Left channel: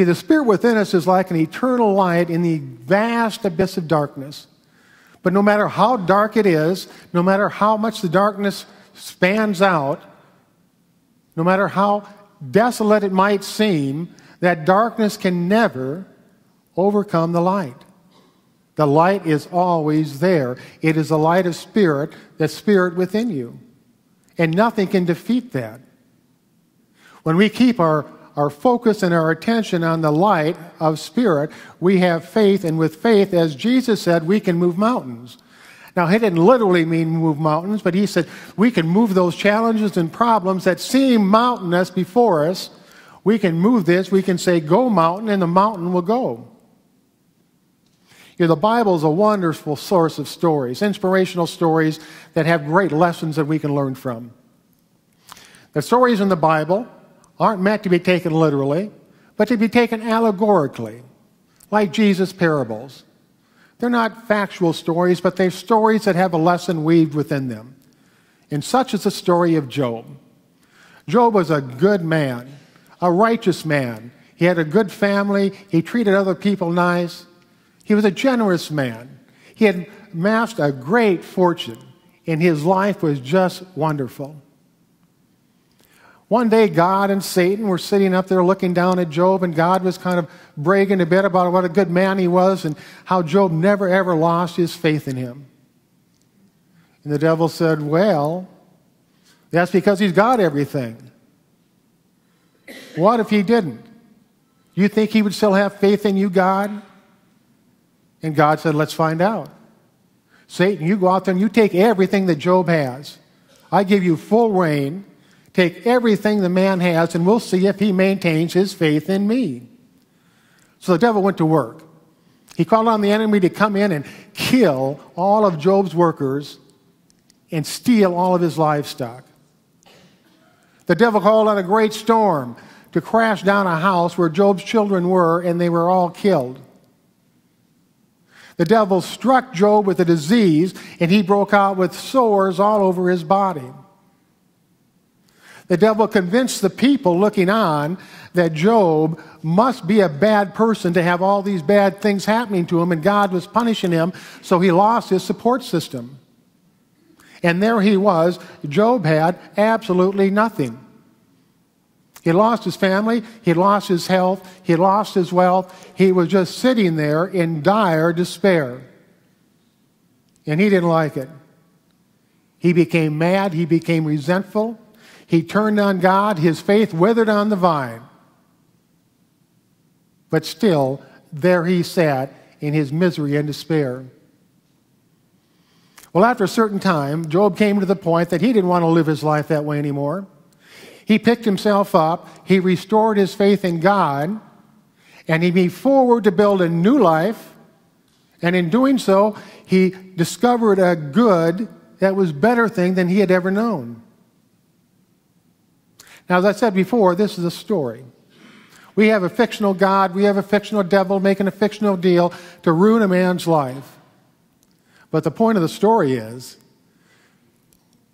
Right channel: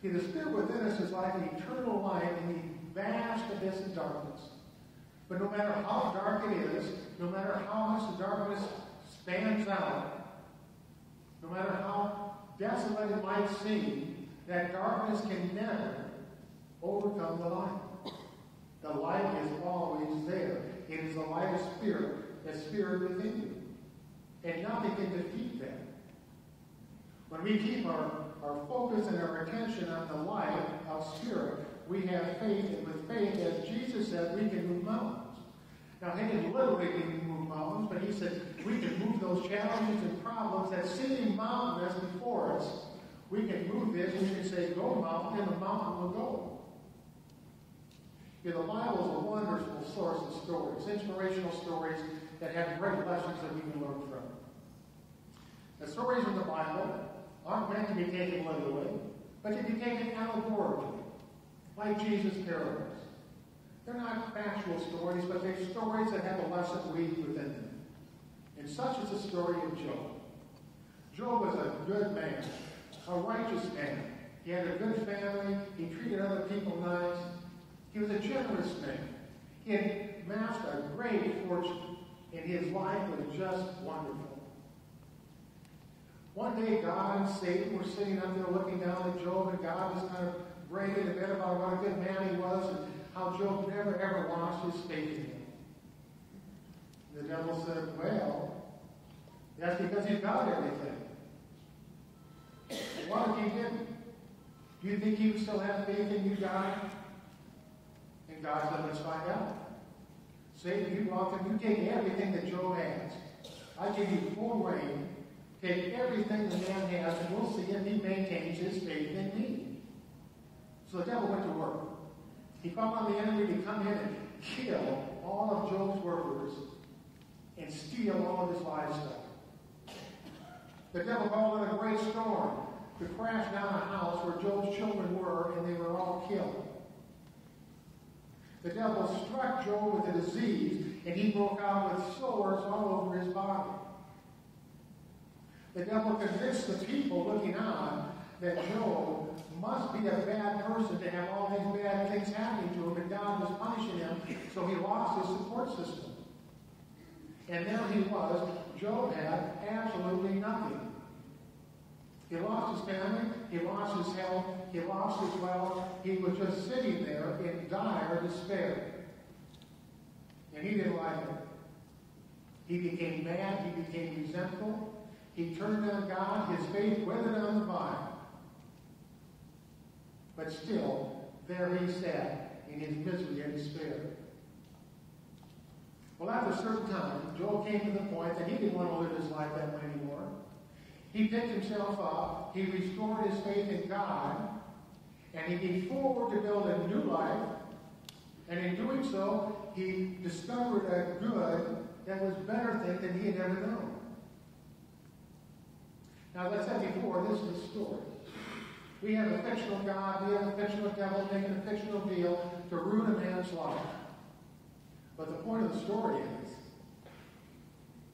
See, the Spirit within us is like an eternal light in the vast abyss of darkness. But no matter how dark it is, no matter how much the darkness spans out, no matter how desolate it might seem, that darkness can never overcome the light. The light is always there. It is the light of Spirit, the Spirit within you. And nothing can defeat that. When we keep our focus and our attention on the light of Spirit, we have faith, and with faith, as Jesus said, we can move mountains. Now, he didn't literally mean move mountains, but he said we can move those challenges and problems that seem mountainous before us. We can move this. We can say, go mountain, and the mountain will go. You know, the Bible is a wonderful source of stories, inspirational stories that have great lessons that we can learn from. The stories in the Bible aren't meant to be taken literally, but to be taken allegorically, like Jesus' parables. They're not factual stories, but they're stories that have a lesson weaved within them. And such is the story of Job. Job was a good man, a righteous man. He had a good family. He treated other people nice. He was a generous man. He had amassed a great fortune, and his life was just wonderful. One day, God and Satan were sitting up there looking down at Job, and God was kind of bragging a bit about what a good man he was and how Job never, ever lost his faith in him. And the devil said, well, that's because he's got everything. What if he didn't? You think he would still have faith in you, God? And God said, let's find out. Satan, you go out there and you take everything that Job has. I give you full reign. Take everything the man has, and we'll see if he maintains his faith in me. So the devil went to work. He called on the enemy to come in and kill all of Job's workers and steal all of his livestock. The devil called on a great storm to crash down a house where Job's children were, and they were all killed. The devil struck Job with a disease, and he broke out with sores all over his body. The devil convinced the people looking on that Job must be a bad person to have all these bad things happening to him, and God was punishing him, so he lost his support system. And there he was. Job had absolutely nothing. He lost his family, he lost his health, he lost his wealth. He was just sitting there in dire despair. And he didn't like it. He became mad, he became resentful. He turned on God, his faith withered on the vine. But still, there he sat in his misery and despair. Well, after a certain time, Job came to the point that he didn't want to live his life that way anymore. He picked himself up, he restored his faith in God, and he moved forward to build a new life. And in doing so, he discovered a good that was a better thing than he had ever known. Now, as I said before, this is a story. We have a fictional God, we have a fictional devil making a fictional deal to ruin a man's life. But the point of the story is,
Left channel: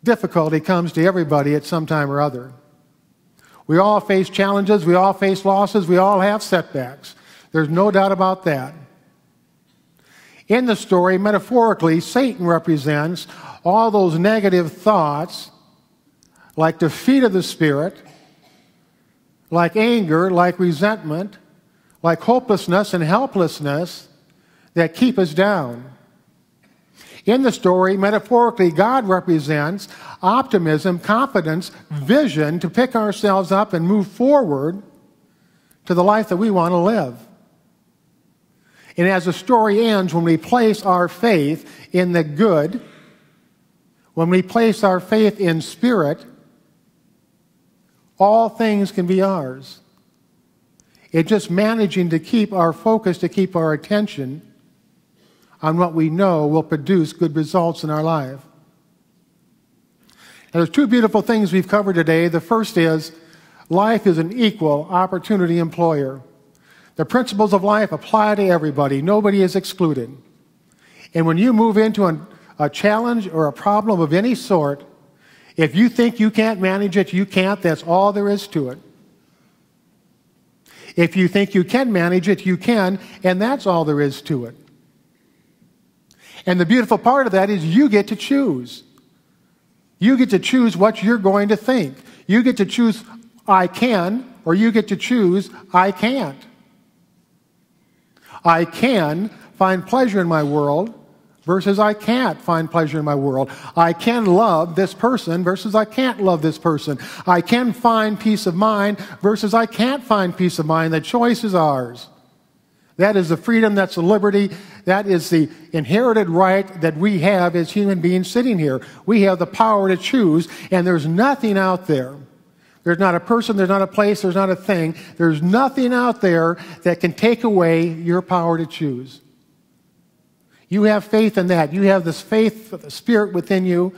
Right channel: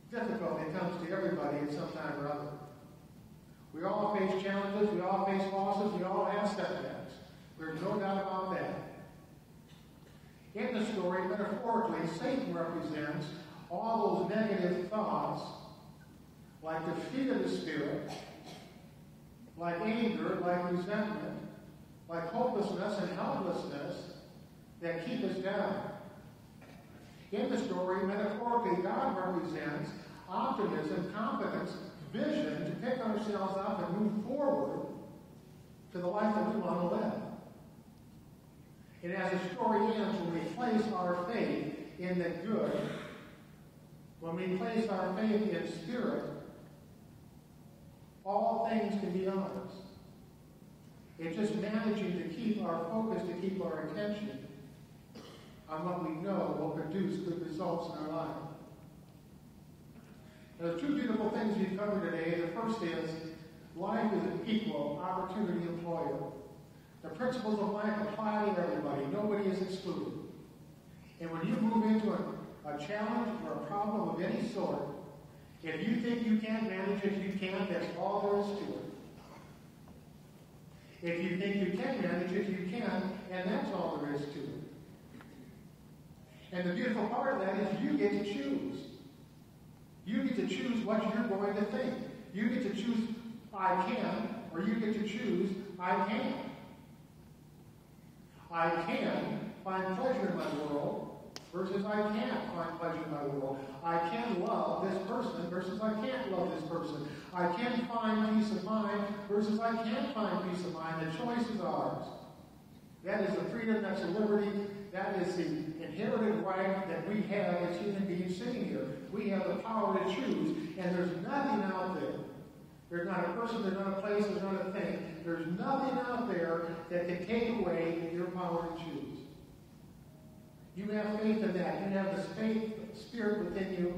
difficulty comes to everybody at some time or other. We all face challenges, we all face losses, we all have setbacks. There's no doubt about that. In the story, metaphorically, Satan represents all those negative thoughts, like defeat of the spirit, like anger, like resentment, like hopelessness and helplessness that keep us down. In the story, metaphorically, God represents optimism, confidence, vision to pick ourselves up and move forward to the life that we want to live. And as the story ends, when we place our faith in the good, when we place our faith in Spirit, all things can be ours. It's just managing to keep our focus, to keep our attention on what we know will produce good results in our life. Now, there's two beautiful things we've covered today. The first is, life is an equal opportunity employer. The principles of life apply to everybody. Nobody is excluded. And when you move into a challenge or a problem of any sort, if you think you can't manage it, you can't. That's all there is to it. If you think you can manage it, you can, and that's all there is to it. And the beautiful part of that is you get to choose. You get to choose what you're going to think. You get to choose I can, or you get to choose I can't. I can find pleasure in my world versus I can't find pleasure in my world. I can love this person versus I can't love this person. I can find peace of mind versus I can't find peace of mind. The choice is ours. That is the freedom, that's the liberty, that is the inherited right that we have as human beings sitting here. We have the power to choose, and there's nothing out there. There's not a person, there's not a place, there's not a thing. There's nothing out there that can take away your power to choose. You have faith in that. You have this faith spirit within you,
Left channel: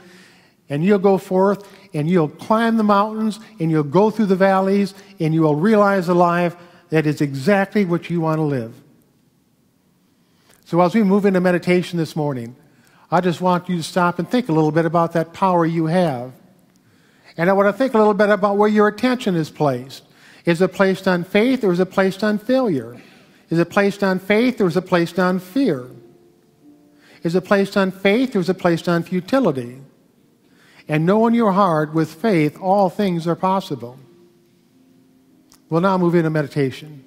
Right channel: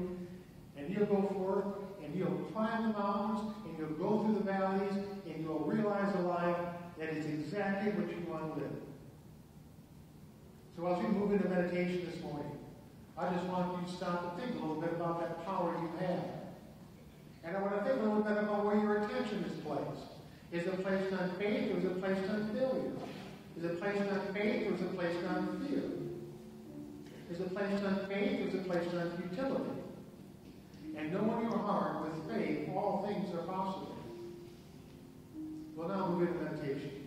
and you'll go forth, and you'll climb the mountains, and you'll go through the valleys, and you will realize a life that is exactly what you want to live. So as we move into meditation this morning, I just want you to stop and think a little bit about that power you have. And I want to think a little bit about where your attention is placed. Is it placed on faith, or is it placed on failure? Is it placed on faith, or is it placed on fear? Is it placed on faith, or is it placed on futility? And know in your heart, with faith, all things are possible. We'll now move into meditation.